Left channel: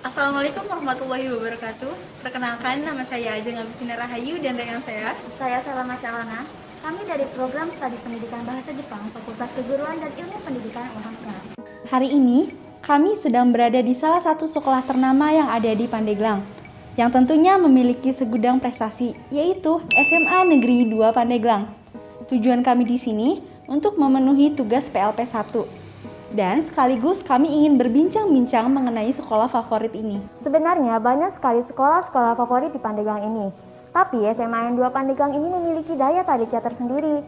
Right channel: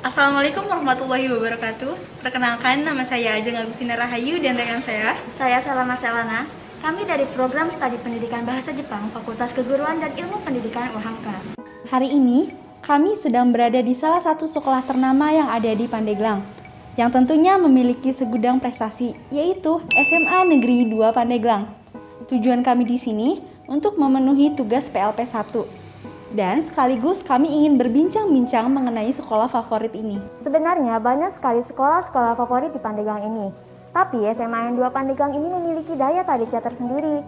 Assalamualaikum warahmatullahi wabarakatuh. Perkenalkan, nama saya Ajeng Agustina Rahayu dan rekan saya Salama Selana. Kami dari program studi pendidikan bahasa Jepang, Fakultas Keguruan dan Ilmu Pendidikan UHAMK. Hari ini, kami sedang berada di salah satu sekolah ternama yang ada di Pandeglang, yang tentunya memiliki segudang prestasi, yaitu SMA Negeri 2 Pandeglang. Tujuan kami di sini untuk memenuhi tugas PLP 1. Dan sekaligus kami ingin berbincang-bincang mengenai sekolah favorit ini. Sebenarnya banyak sekali sekolah-sekolah favorit di Pandeglang ini. Tapi SMA N2 Pandeglang ini memiliki daya tariknya tersendiri.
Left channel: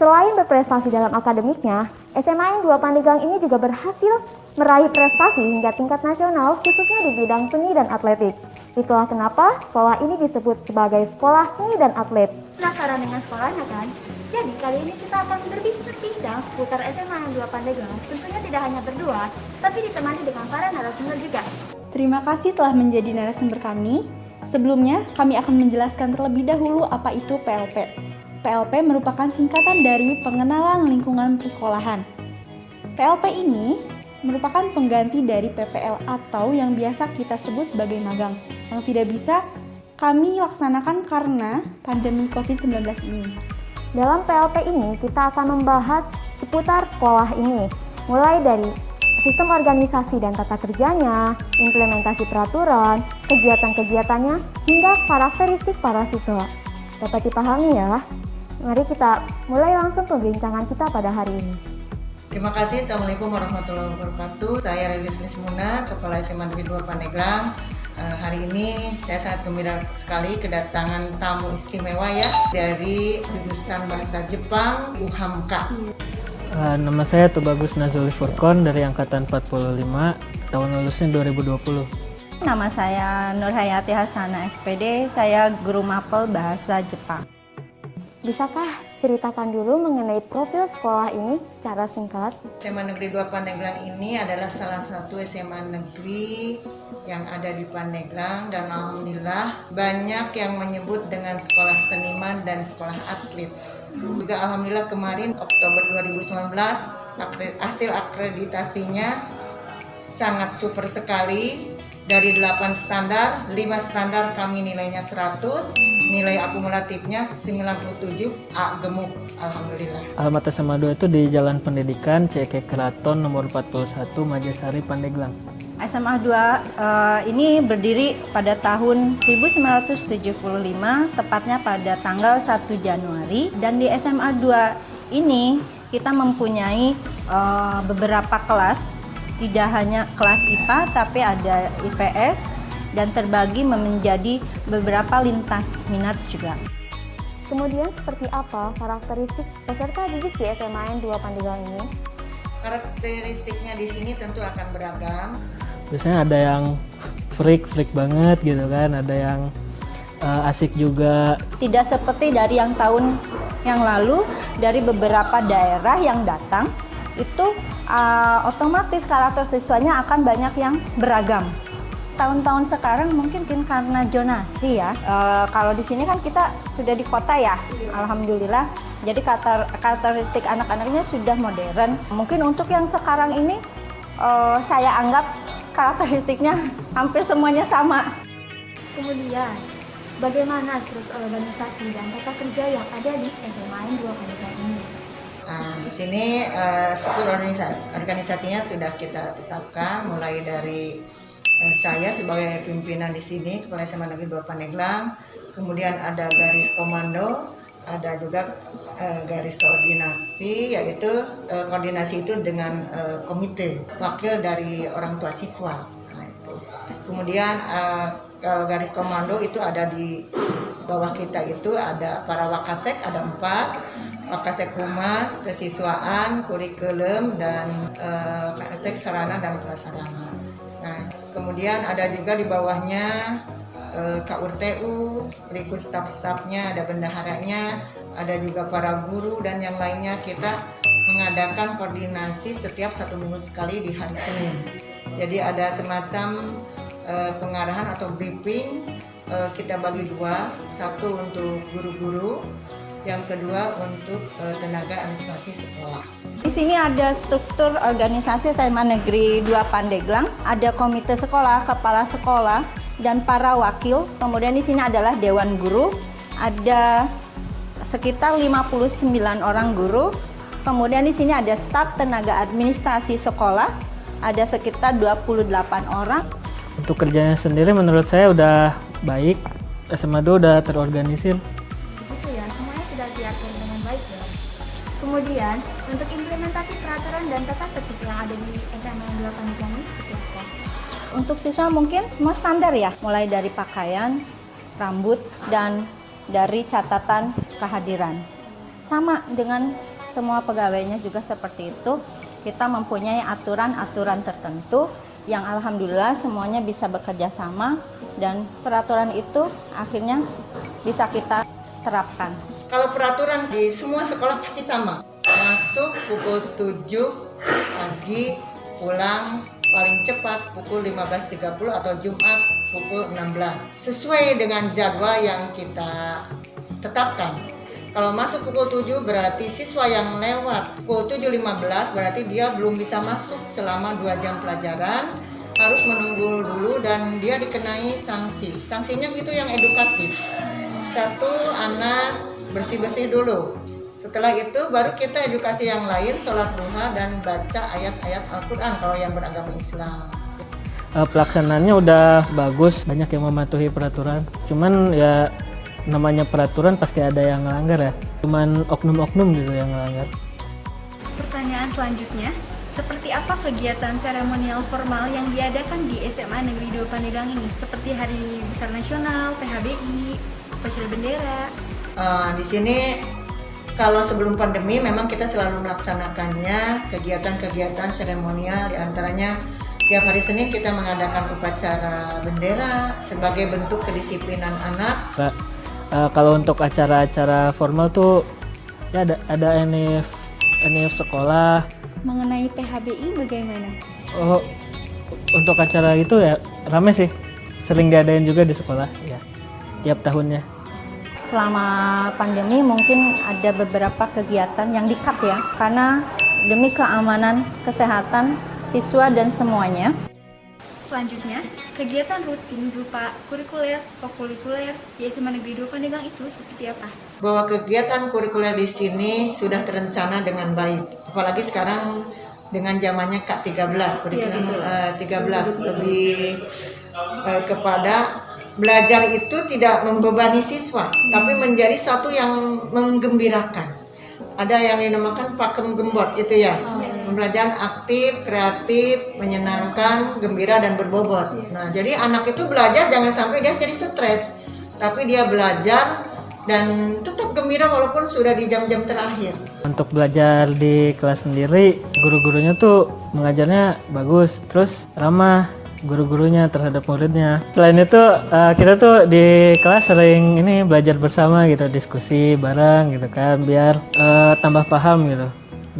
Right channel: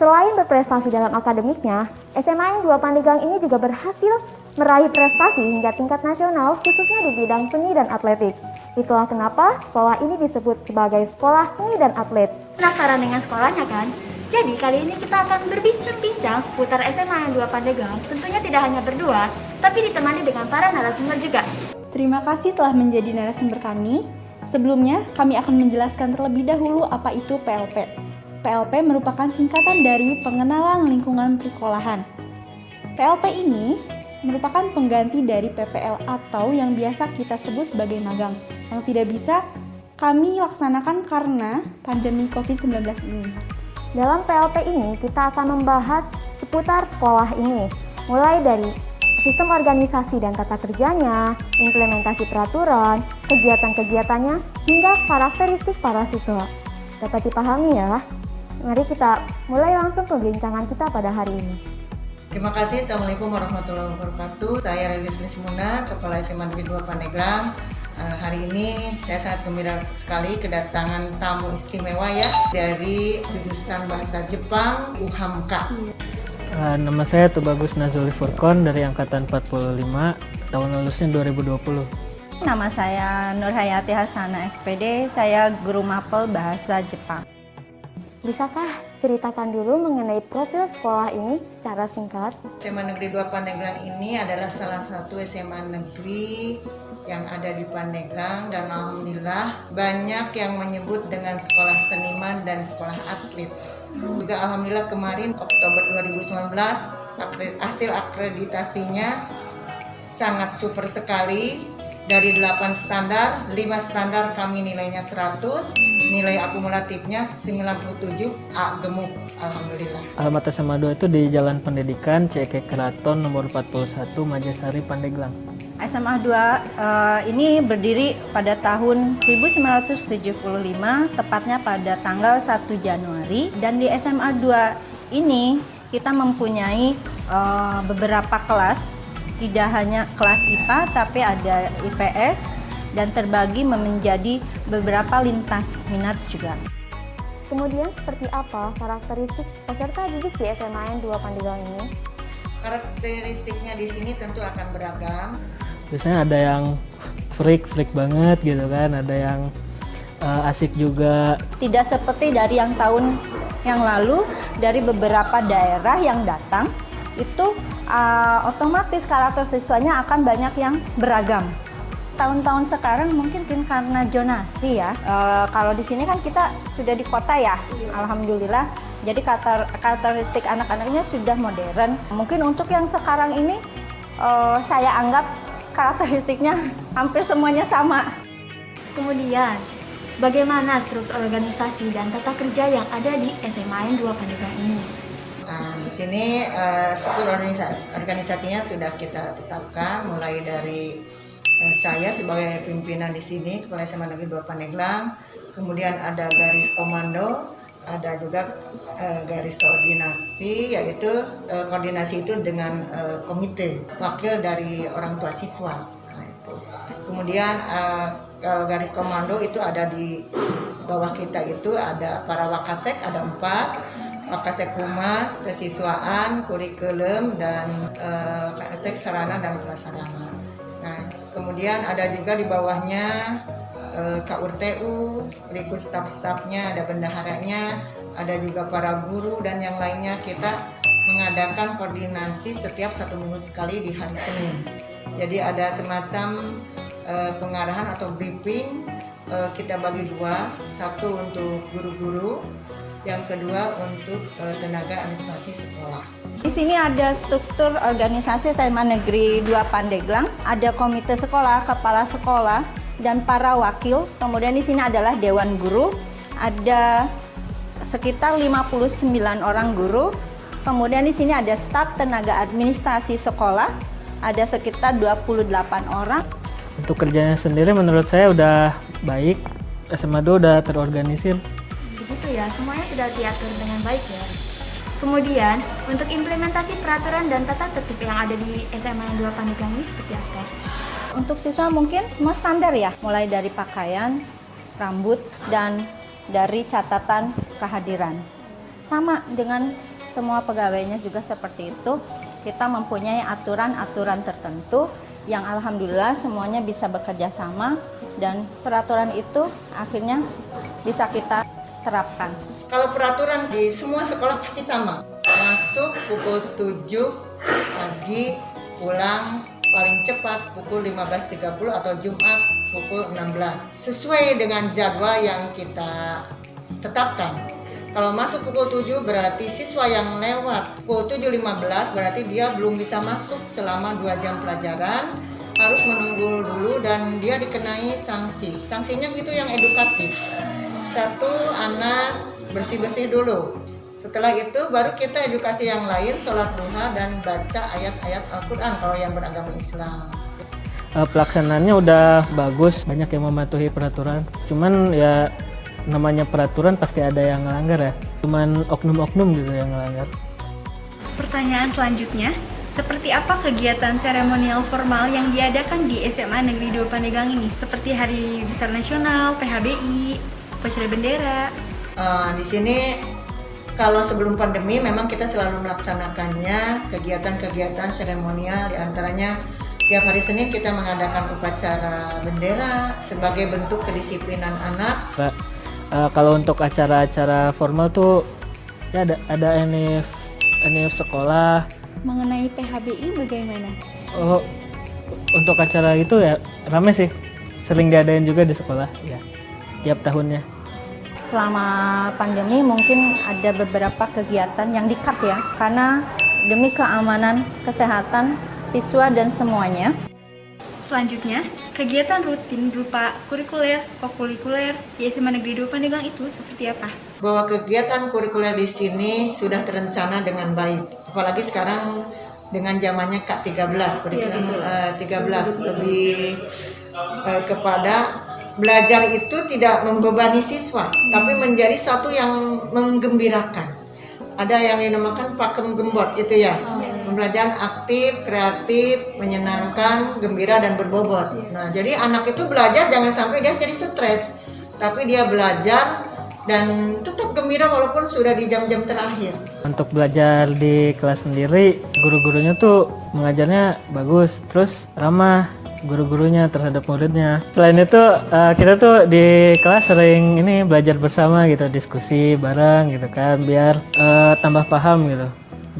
Selain berprestasi dalam akademiknya, SMA N2 Pandeglang ini juga berhasil meraih prestasi hingga tingkat nasional khususnya di bidang seni dan atletik. Itulah kenapa sekolah ini disebut sebagai sekolah seni dan atlet. Penasaran dengan sekolahnya kan? Jadi kali ini kita akan berbincang-bincang seputar SMA N2 Pandeglang. Tentunya tidak hanya berdua, tapi ditemani dengan para narasumber juga. Terima kasih telah menjadi narasumber kami. Sebelumnya, kami akan menjelaskan terlebih dahulu apa itu PLP. PLP merupakan singkatan dari Pengenalan Lingkungan Persekolahan. PLP ini merupakan pengganti dari PPL atau yang biasa kita sebut sebagai magang, yang tidak bisa kami laksanakan karena pandemi COVID-19 ini. Dalam PLP ini, kita akan membahas seputar sekolah ini, mulai dari sistem organisasi dan tata kerjanya, implementasi peraturan, kegiatan-kegiatannya, hingga karakteristik para siswa. Dapat dipahami ya? Mari kita mulai langsung pembincangan kita pada hari ini. Terima kasih. Assalamualaikum warahmatullahi wabarakatuh. Saya Rilis Lismuna, Kepala SMA Negeri 2 Pandeglang. Hari ini saya sangat gembira sekali kedatangan tamu istimewa ya dari jurusan Bahasa Jepang UHAMK. Nama saya Tubagus Nazuli Furkon dari Angkatan 45, tahun lulusnya 2020. Nama saya Nurhayati Hasana SPD, saya guru mapel bahasa Jepang. Bisakah ceritakan dulu mengenai profil sekolah ini secara singkat? SMA Negeri 2 Pandeglang ini adalah salah satu SMA negeri yang ada di Pandeglang dan alhamdulillah banyak yang menyebut dengan sekolah seniman dan sekolah atlet. Juga alhamdulillah kemarin Oktober 2019 hasil akreditasinya sangat super sekali. Dari 8 standar, 5 standar kami nilainya 100, nilai akumulatifnya 97, A gemuk, alhamdulillah. Alamat SMA 2 itu di Jalan Pendidikan CK Keraton nomor 41 Majasari Pandeglang. SMA 2 ini berdiri pada tahun 1975, tepatnya pada tanggal 1 Januari. Dan di SMA 2 ini kita mempunyai beberapa kelas. Tidak hanya kelas IPA, tapi ada IPS dan terbagi menjadi beberapa lintas minat juga. Kemudian seperti apa karakteristik peserta didik di SMA N2 Pandeglang ini? Karakteristiknya di sini tentu akan beragam. Biasanya ada yang freak banget gitu kan, ada yang asik juga. Tidak seperti dari yang tahun yang lalu, dari beberapa daerah yang datang, itu otomatis karakter siswanya akan banyak yang beragam. Tahun-tahun sekarang mungkin karena zonasi ya. Kalau di sini kan kita sudah di kota ya, alhamdulillah. Jadi karakteristik anak-anaknya sudah modern. Mungkin untuk yang sekarang ini saya anggap karakteristiknya hampir semuanya sama. Kemudian, bagaimana struktur organisasi dan tata kerja yang ada di SMA N2 Pandeglang ini? Di sini struktur organisasinya sudah kita tetapkan, mulai dari saya sebagai pimpinan di sini, Kepala SMA Negeri 2 Pandeglang, kemudian ada garis komando, ada juga garis koordinasi, yaitu koordinasi itu dengan komite wakil dari orang tua siswa. Nah, itu. Kemudian kalau garis komando itu ada di bawah kita, itu ada para wakasek, ada 4. Wakasek Humas, Kesiswaan, Kurikulum, dan Wakasek Sarana dan Prasarana. Nah, kemudian ada juga di bawahnya KURTU, berikut staf-stafnya, ada bendaharanya, ada juga para guru dan yang lainnya. Kita mengadakan koordinasi setiap 1 minggu sekali di hari Senin. Jadi ada semacam pengarahan atau briefing, kita bagi 2, satu untuk guru-guru, yang kedua untuk tenaga administrasi sekolah. Di sini ada struktur organisasi SMA Negeri 2 Pandeglang, ada komite sekolah, kepala sekolah, dan para wakil. Kemudian di sini adalah dewan guru, ada sekitar 59 orang guru. Kemudian di sini ada staf tenaga administrasi sekolah, ada sekitar 28 orang. Untuk kerjanya sendiri menurut saya udah baik, SMA 2 udah terorganisir. Begitu ya, semuanya sudah diatur dengan baik ya. Kemudian, untuk implementasi peraturan dan tata tertib yang ada di SMA 2 Pandeglang ini seperti apa? Untuk siswa mungkin semua standar ya, mulai dari pakaian, rambut, dan dari catatan kehadiran. Sama dengan semua pegawainya juga seperti itu, kita mempunyai aturan-aturan tertentu yang alhamdulillah semuanya bisa bekerja sama dan peraturan itu akhirnya bisa kita terapkan. Kalau peraturan di semua sekolah pasti sama. Masuk pukul 7 pagi, pulang paling cepat pukul 15.30 atau Jumat pukul 16. Sesuai dengan jadwal yang kita tetapkan. Kalau masuk pukul 7 berarti siswa yang lewat pukul 7.15 berarti dia belum bisa masuk selama 2 jam pelajaran, harus menunggu dulu dan dia dikenai sanksi. Sanksinya itu yang edukatif. 1, anak bersih-bersih dulu. Setelah itu baru kita edukasi yang lain, sholat duha dan baca ayat-ayat Al-Quran kalau yang beragama Islam. Pelaksanaannya udah bagus, banyak yang mematuhi peraturan. Cuman ya namanya peraturan pasti ada yang melanggar ya. Cuman oknum-oknum gitu yang melanggar. Pertanyaan selanjutnya, seperti apa kegiatan seremonial formal yang diadakan di SMA Negeri 2 Pandeglang ini? Seperti Hari Besar Nasional, PHBI, upacara bendera. Di sini kalau sebelum pandemi memang kita selalu melaksanakannya kegiatan-kegiatan seremonial, diantaranya tiap hari Senin kita mengadakan upacara bendera sebagai bentuk kedisiplinan anak. Kalau untuk acara-acara formal tuh ya ada NIF sekolah. Mengenai PHBI bagaimana? Oh, untuk acara itu ya rame sih, sering diadain juga di sekolah ya tiap tahunnya. Selama pandemi mungkin ada beberapa kegiatan yang di-cut ya, karena demi keamanan kesehatan siswa dan semuanya. Selanjutnya, kegiatan rutin berupa kurikuler, kokulikuler di SMA Negeri 2 Pandeglang itu seperti apa? Bahwa kegiatan kurikuler di sini sudah terencana dengan baik. Apalagi sekarang dengan zamannya K13, kurikulum 13 lebih kepada belajar itu tidak membebani siswa, tapi menjadi satu yang menggembirakan. Ada yang dinamakan pakem gembot itu ya. Pembelajaran aktif, kreatif, menyenangkan, gembira dan berbobot. Nah, jadi anak itu belajar jangan sampai dia jadi stres, tapi dia belajar dan tetap gembira walaupun sudah di jam-jam terakhir. Untuk belajar di kelas sendiri, guru-gurunya tuh mengajarnya bagus, terus ramah guru-gurunya terhadap muridnya. Selain itu kita tuh di kelas sering ini belajar bersama gitu, diskusi bareng gitu kan, biar tambah paham gitu.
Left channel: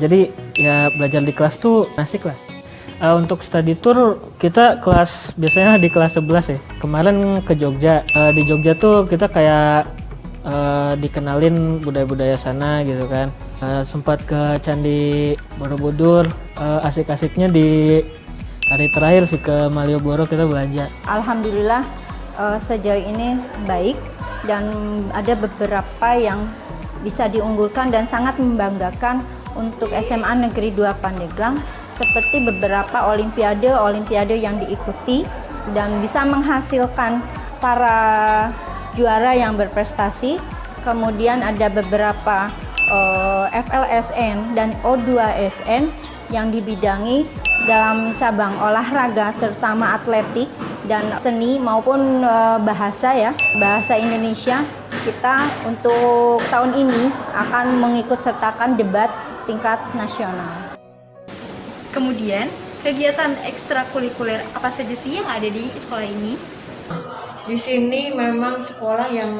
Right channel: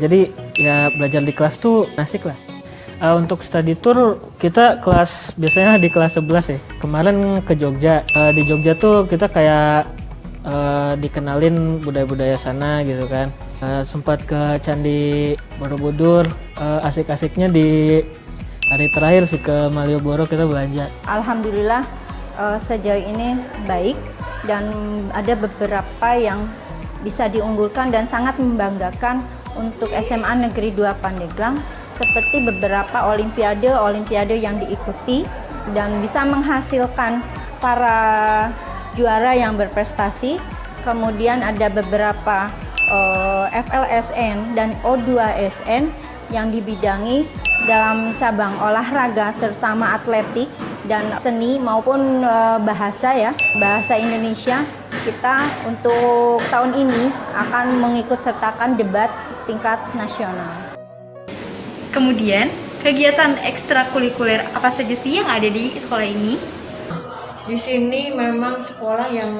Jadi ya belajar di kelas tuh asik lah. Untuk study tour kita biasanya di kelas 11 ya. Kemarin ke Jogja. Di Jogja tuh kita kayak dikenalin budaya-budaya sana gitu kan. Sempat ke Candi Borobudur. Asik-asiknya di hari terakhir sih ke Malioboro kita belanja. Alhamdulillah sejauh ini baik dan ada beberapa yang bisa diunggulkan dan sangat membanggakan untuk SMA Negeri 2 Pandeglang, seperti beberapa olimpiade yang diikuti dan bisa menghasilkan para juara yang berprestasi. Kemudian ada beberapa FLSN dan O2SN yang dibidangi dalam cabang olahraga, terutama atletik dan seni maupun bahasa Indonesia. Kita untuk tahun ini akan mengikut sertakan debat tingkat nasional. Kemudian, kegiatan ekstrakurikuler apa saja sih yang ada di sekolah ini? Di sini memang sekolah yang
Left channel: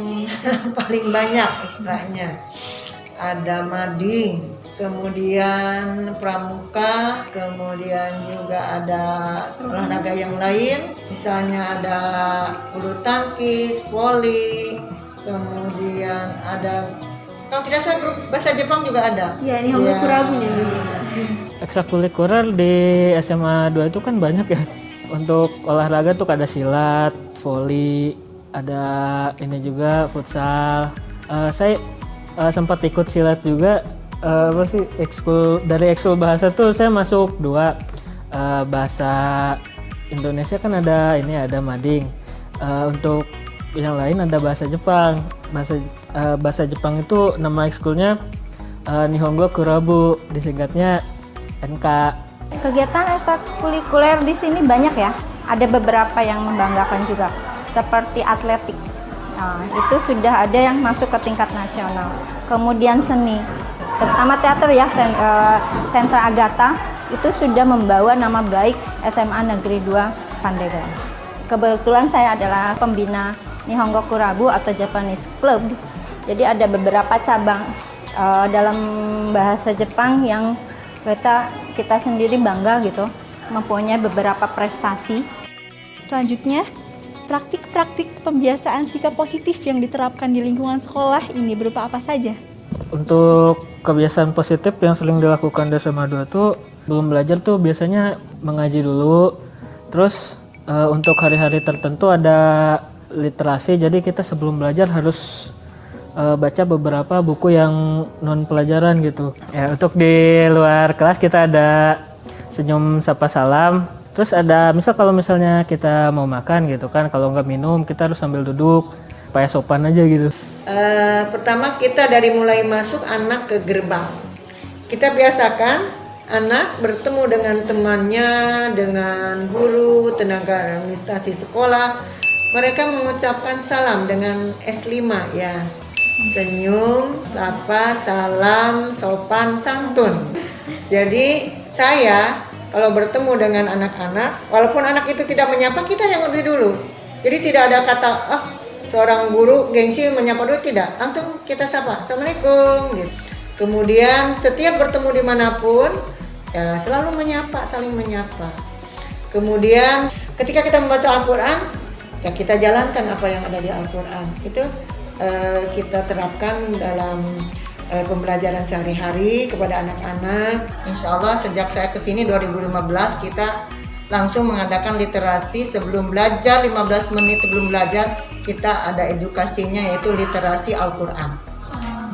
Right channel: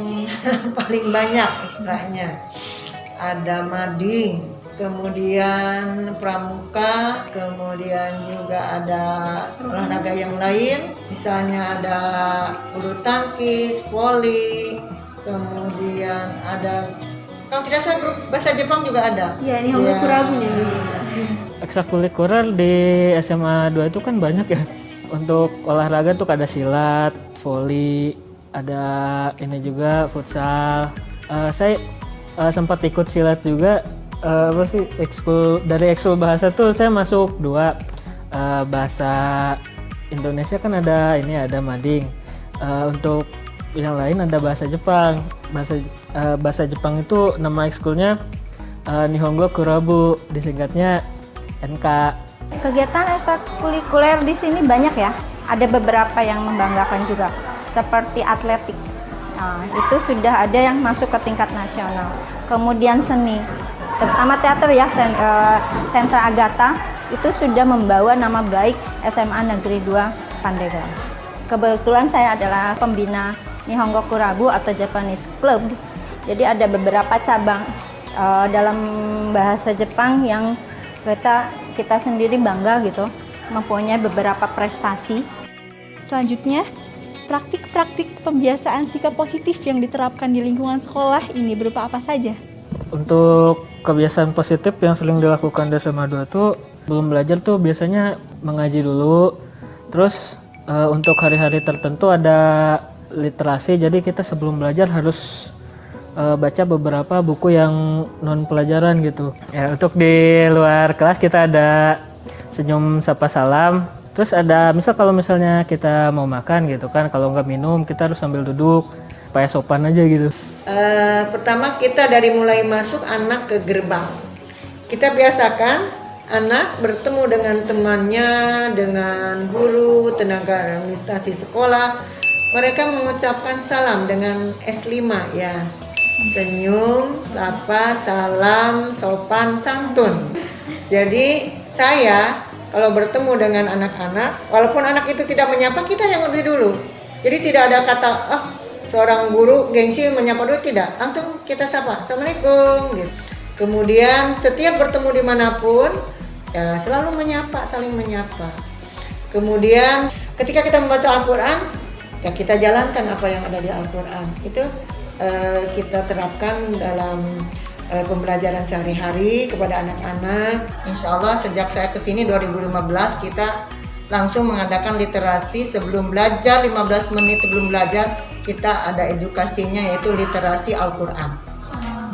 paling banyak ekstranya. Ada mading, kemudian pramuka, kemudian juga ada olahraga yang lain, misalnya ada bulu tangkis, voli, kemudian ada Kalau tidak salah grup bahasa Jepang juga ada. Iya, Nihongo Kurabu nih. Ekstrakurikuler di SMA 2 itu kan banyak ya. Untuk olahraga tuh ada silat, voli, ada ini juga futsal. Saya sempat ikut silat juga. Apa sih dari ekskul bahasa tuh saya masuk 2. Bahasa Indonesia kan ada mading. Untuk yang lain ada bahasa Jepang. Bahasa Jepang itu nama ekskulnya Nihongo Kurabu, disingkatnya NK. Kegiatan ekstrakurikuler di sini banyak ya. Ada beberapa yang membanggakan juga, seperti atletik. Itu sudah ada yang masuk ke tingkat nasional. Kemudian seni, terutama teater ya, Sentra Agatha itu sudah membawa nama baik SMA Negeri 2 Pandeglang. Kebetulan saya adalah pembina Nihongo Kurabu atau Japanese Club. Jadi ada beberapa cabang dalam bahasa Jepang yang kita sendiri bangga gitu, mempunyai beberapa prestasi. Selanjutnya, praktik-praktik pembiasaan sikap positif yang diterapkan di lingkungan sekolah ini berupa apa saja? Untuk kebiasaan positif yang sering dilakukan di SMA 2 tuh belum belajar tuh biasanya mengaji dulu. Terus untuk hari-hari tertentu ada literasi, jadi kita sebelum belajar harus baca beberapa buku yang non pelajaran gitu. Ya, untuk di luar kelas kita ada senyum sapa salam. Terus ada kalau misalnya kita mau makan gitu kan, kalau nggak minum kita harus sambil duduk supaya sopan aja gitu. Pertama kita dari mulai masuk anak ke gerbang, kita biasakan anak bertemu dengan temannya, dengan guru, tenaga administrasi sekolah. Mereka mengucapkan salam dengan S5 ya. Senyum, sapa, salam, sopan, santun. Jadi saya kalau bertemu dengan anak-anak, walaupun anak itu tidak menyapa, kita yang lebih dulu. Jadi tidak ada kata, seorang guru gengsi menyapa dulu, tidak. Langsung kita sapa, Assalamualaikum gitu. Kemudian setiap bertemu dimanapun, ya selalu menyapa, saling menyapa. Kemudian ketika kita membaca Al-Quran, ya kita jalankan apa yang ada di Al-Quran. Itu kita terapkan dalam pembelajaran sehari-hari kepada anak-anak. Insya Allah sejak saya kesini 2015 kita langsung mengadakan literasi sebelum belajar, 15 menit sebelum belajar kita ada edukasinya, yaitu literasi Al-Quran.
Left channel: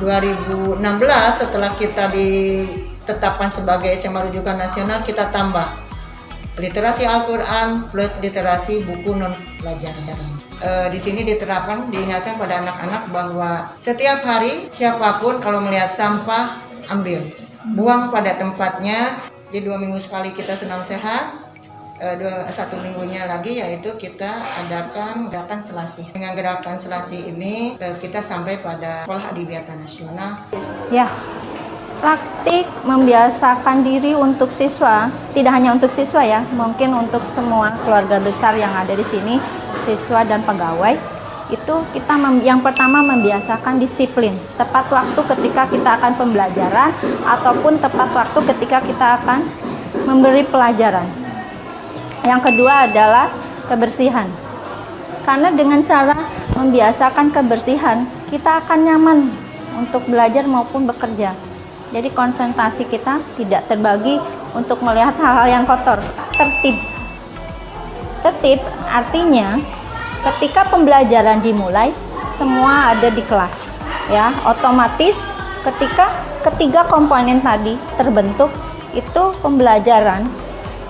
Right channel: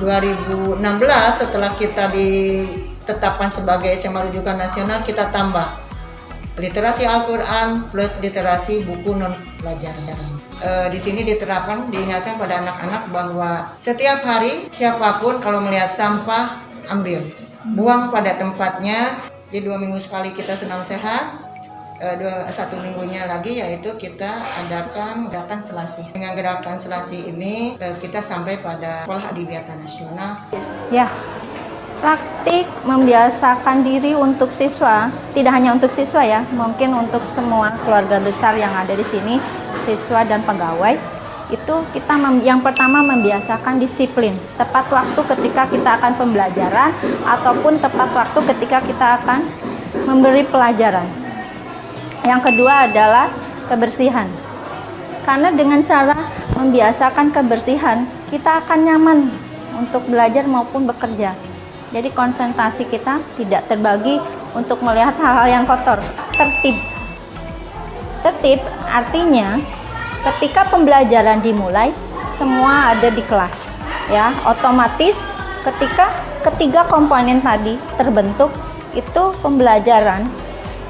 2016 setelah kita ditetapkan sebagai SMA rujukan nasional, kita tambah literasi Al-Quran plus literasi buku non pelajaran. Di sini diterapkan, diingatkan pada anak-anak bahwa setiap hari siapapun kalau melihat sampah ambil, buang pada tempatnya. Jadi 2 minggu sekali kita senam sehat, 1 minggunya lagi yaitu kita adakan gerakan selasi. Dengan gerakan selasi ini kita sampai pada sekolah adiwiyata nasional. Ya, praktik membiasakan diri untuk siswa, tidak hanya untuk siswa ya, mungkin untuk semua keluarga besar yang ada di sini, siswa dan pegawai, itu kita yang pertama membiasakan disiplin, tepat waktu ketika kita akan pembelajaran ataupun tepat waktu ketika kita akan memberi pelajaran. Yang kedua adalah kebersihan. Karena dengan cara membiasakan kebersihan, kita akan nyaman untuk belajar maupun bekerja. Jadi konsentrasi kita tidak terbagi untuk melihat hal-hal yang kotor. Tertib artinya ketika pembelajaran dimulai, semua ada di kelas. Ya, otomatis ketika ketiga komponen tadi terbentuk, itu pembelajaran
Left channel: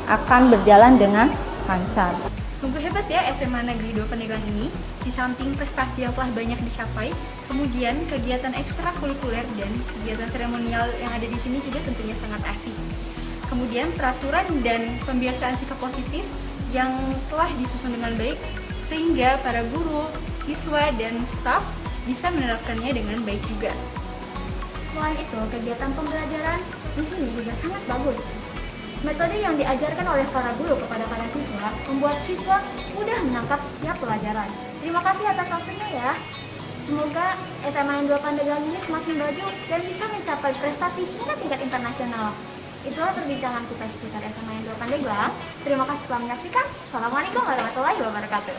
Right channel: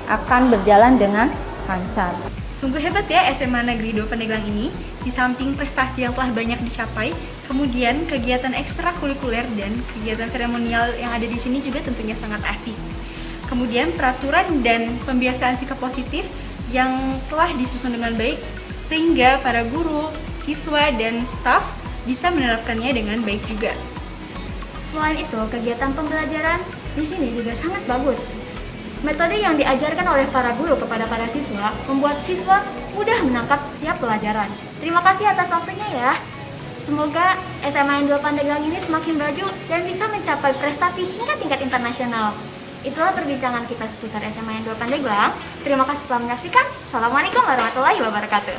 akan berjalan dengan lancar. Sungguh hebat ya SMA Negeri 2 Pandeglang ini. Di samping prestasi yang telah banyak dicapai, kemudian kegiatan ekstrakurikuler dan kegiatan seremonial yang ada di sini juga tentunya sangat asik. Kemudian peraturan dan pembiasaan sikap positif yang telah disusun dengan baik sehingga para guru, siswa, dan staf bisa menerapkannya dengan baik juga. Selain itu, kegiatan pembelajaran di sini juga sangat bagus. Metode yang diajarkan oleh para guru kepada para siswa membuat siswa mudah menangkap setiap pelajaran. Terima kasih atas waktunya ya. Semoga SMA N2 Pandeglang ini semakin maju dan bisa mencapai prestasi hingga tingkat internasional. Itulah perbincangan kita seputar SMA N2 Pandeglang. Terima kasih telah menyaksikan. Assalamualaikum warahmatullahi wabarakatuh.